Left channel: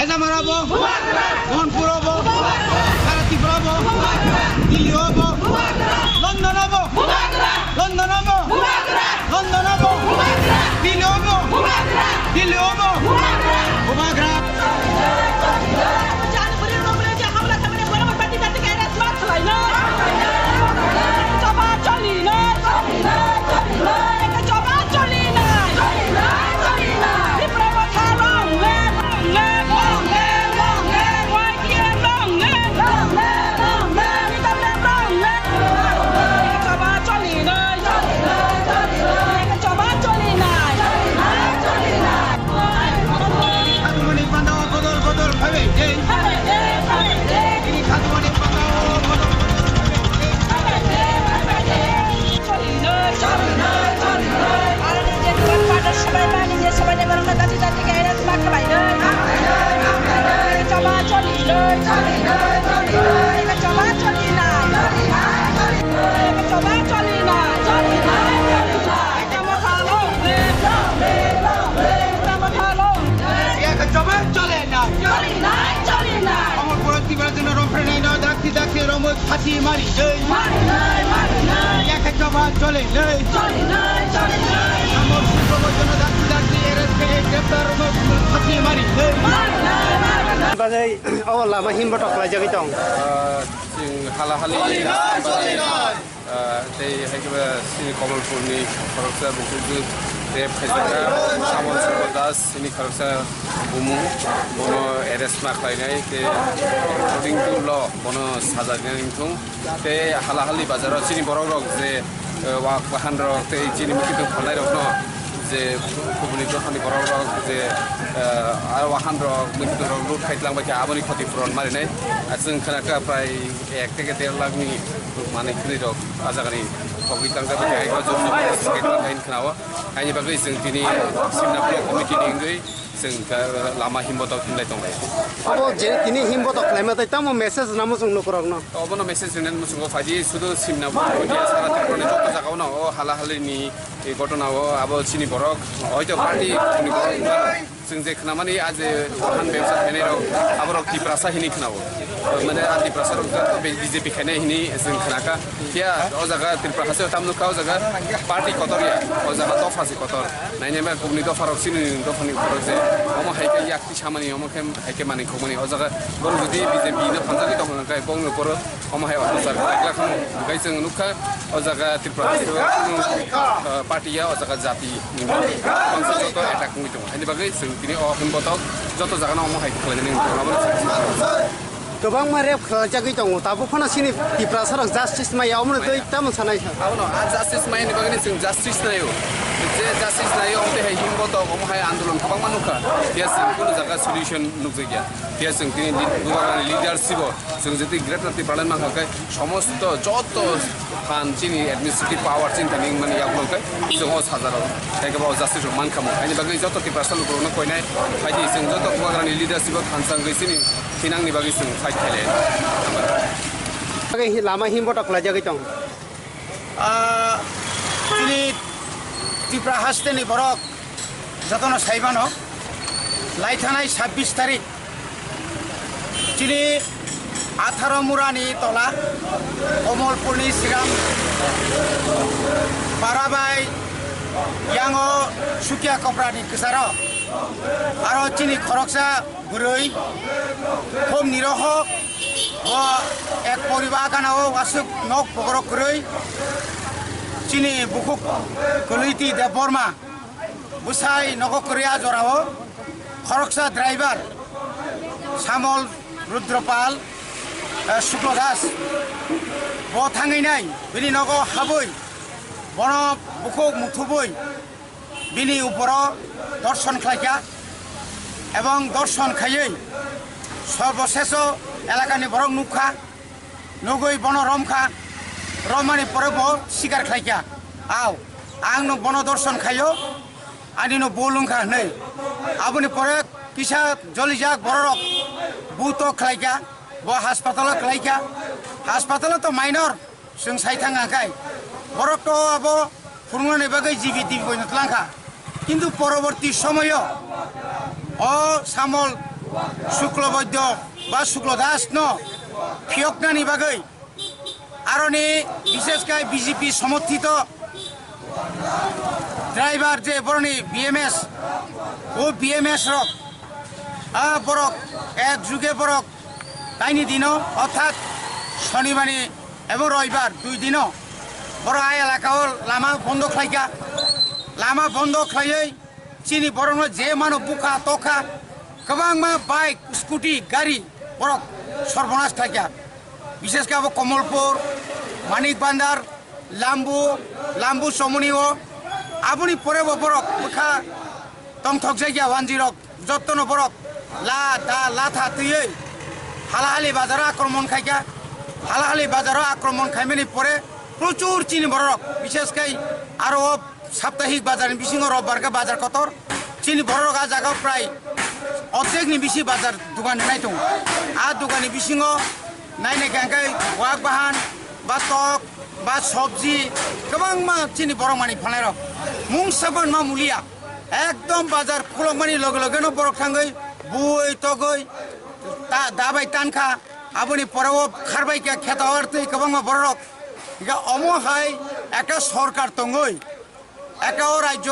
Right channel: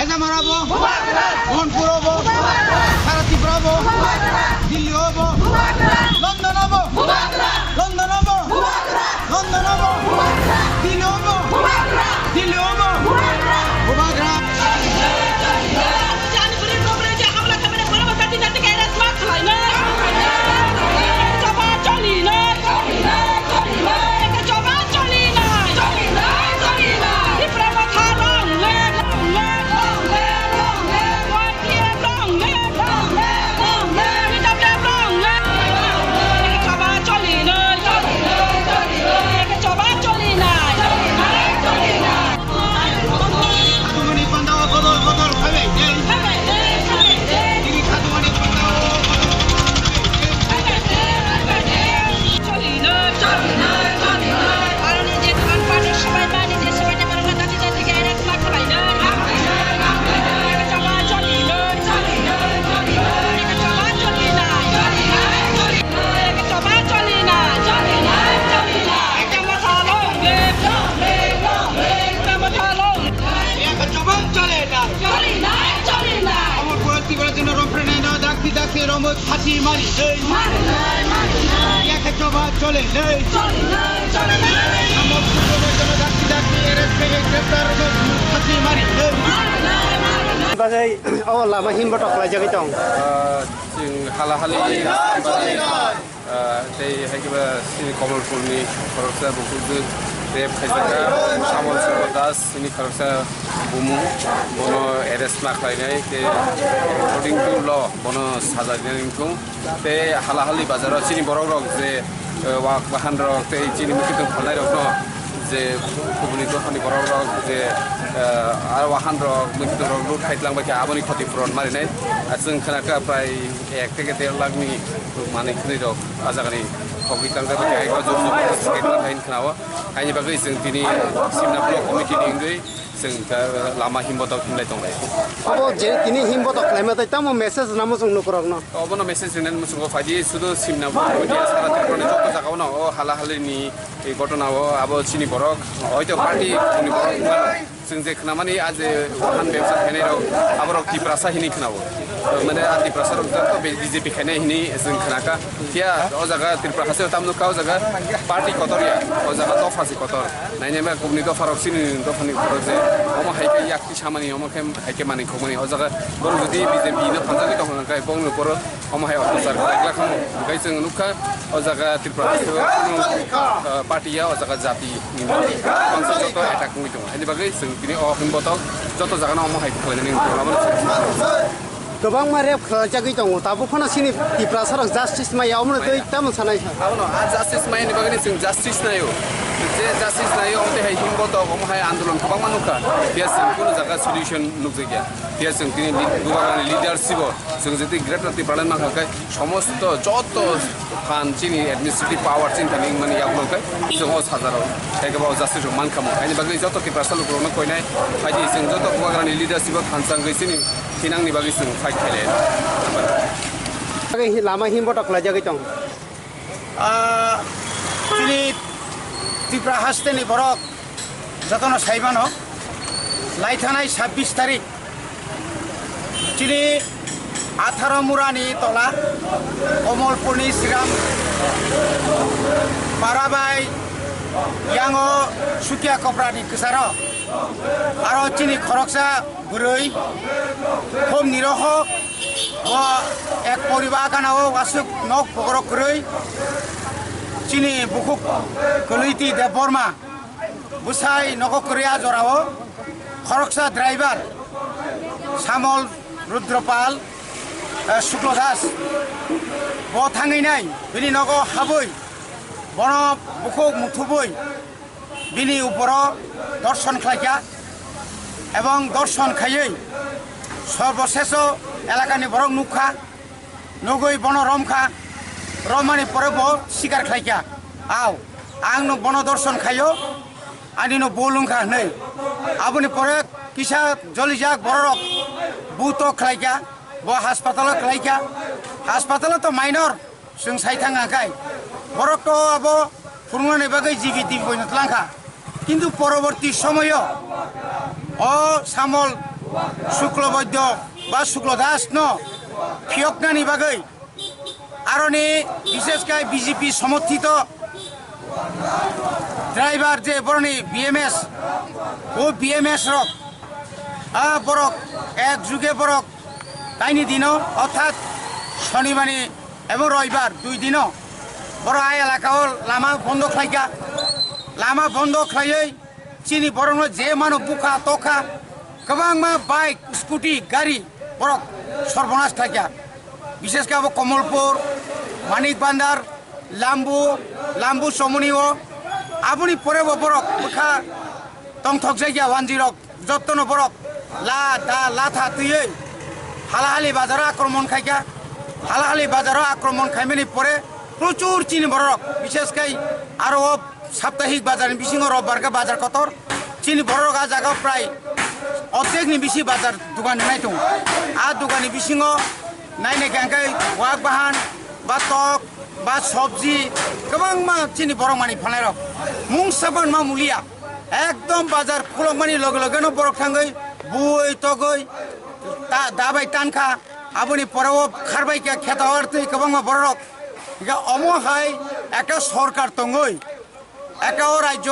হেজামারাবো মোহনপুর হবো সারা ত্রিপুরা হবো দিল্লি হবো লন্ডন হবো লন্ডন হবো লন্ডন হবো দিল্লি হবো দিল্লি হবো উপগ্রাম Dakti Romo Pati Mari Yaka Coba Chole Amor Suko Jono Dakti RSK Greptar Romo Pati Mari Bazai oh lama himbo tok la jagi tong sing hala-hali tei hakiba sini Kamalpur ni Kharoksa buku Rep Khajaka Samol Sukodas sini Kharoksa bumu bono RS mak lainai ke according to law bono saja ningtung te hala-hali bazar sini borok je wak bahan rok te sini mungkin khalai rok no je kubuni to khani borok rok je ar wahan rok mungkin rok lut khaitlang ba ke aboni khoti puron mari nai asung khanaka prai 1 থেকে 1.5 lakh ni mane khni rok ajagani khogi tangda ba ke ko jom skate hain khnawa haini bagai sing tini simna block committee ningdui sing lama himbo tok hinlai tonglai abo je tini himbo tok laima tai tamo message namo sung nukrok no obono message renen musungo faji sudo simna committee sara tirpone jotto jagao no o hala-hali ni ei ঘটনা o abo chini borok hoito party chini borok sing je khnamani aje wahan ব্যবসা khainai rok aborok tiprasa hini khnao mane ati prasa rok to BJP khainai hini sing khnaka kia o jaga tiprasa tamnu ka o jaga party kotoria o jaga to fasi kotor naine ba kubni to farok sini to khani korok je omo haike yakti samani omo khem haike mani khomani o jaga bor jodi BJP no khanjagi to kai bong no poro omo hai officer kala khamo gai jeng nukha o jaga tiprasa party ya o jaga jati ni bangsa joto attack ngi tong ani bagai sing tini o himbotok joto jaga no omo hai kholaini gobang ma rep jagi tong tabu phana sini tiprasa rok justice ma yaumno dei tamo sanai abono justice ma ni bagani sing justice na yo je justice na yo omte hai himbotok omo hai andolon kabang manuka dia sing kono jaga solution nukje gya dia sing tini gubagani leadership sing jeti greater ti pralan ma kai সমস্ত যত খান চিনি administrative power চিন Thani মানে ইয়াগুলো kai जों o साजाराव एकेबा justice मान खामो आनि बागै जत कि प्रसल ग्रोनो कोइनाय फाइदि जों जत गवाग्रानि leadership खानसां गैसिनि थिनांनि बागै जों fight खायले bagai lama himbo tok la jagi tong Chini Tripura Hasteni Borok Jatono Saibano Laithanai 26 tarik Chini 18 Murani Tola Kamalpurni Siram Parabai Yango Sukia Koprani Kesaro Aro Chini Kharoksa Burui Hom Niroho Wa ek poribar kanao asuk nok pogrok kurui Chini bukuk kuliti de Borma Busai noko Korea jorao Kharoksa driver Samol Rudropal Shuklodas Bo thangai nai bini nogo haboi bono bukuk muthuboi bini uporo dorshon khlaika ebong dorshon khayei সর্বশেষ এলাকানি বরং নুখা নগৈ বন রমখা রমানি পরে ব শিকার খাইকা আও আং no বন দর্শন খাইও আনি নো বলুংখা नै আবনি পরে কিসা জলিজাক বড়রক বুতো খাইকা ব হাসপাতাল খাইকা হাসপাতাল তো মাইনর जों সাইথাঙ্গাখাই বরক তো আবো ফুরমানি বাগৈ জিবি দিবই নতলাংখা কিন্তু পরবর্তী সময় ও সামল শুক্লবৈদ্য বা শুক্লদাস ন ফিয়কনানি বাগৈ আরনি বিশেষকৈ বিজেপি সমর্থিত ড্রাইভার যে বরনি বিএমএস ও বিএমএস রক বরক এক যুগে বরক তাইনি দিন অর্থাৎ শনিবারে এবং রবিবার 2 দিন বড় আই এলাকাও লামা বন্ধ খাইকা লামা বন্ধ খাইयै চিনি বরং যে মানো বুকা তখা गोबां मा बाइक स्कुटी गाड़ी बरक सर्वनाश खाइका विशेषकर अब कमलपुर मानिक बान्दार लाम्बु समनिओ आबुनि परे बरक बुखा तंथक जायगा 10 जत्न बरक लाथा तुयै हालाहाली बाजार आक्रमण खाइका हालाहाली बाजार आक्रमण खाइमेनि परे प्रचुर चिनी बरक विशेषकर आरो साप्ताहिक बाजार बिसिङो रबबार का बाजार कतर चिनी बरक आ जागा प्राय অর্ধেকনি বেশি বাজার দোকান নাই দं आ দোকানি बिसिङाव नायनाय गांखाय वाक बाहान बा तक बा सब्जी गोबां मा चिनि बरक मानि फाननाय रक मुं साबान मा मुलिया एकदम बाजार खुलक मानि लगे लगेनो बरक थाङै बुइ तगै दाबाय तानखा आबुनि पराव खारबाय खेता हरतै गोबां मा बरक अमहाय একটা সরকার তঙ্গই একটা রাজ্য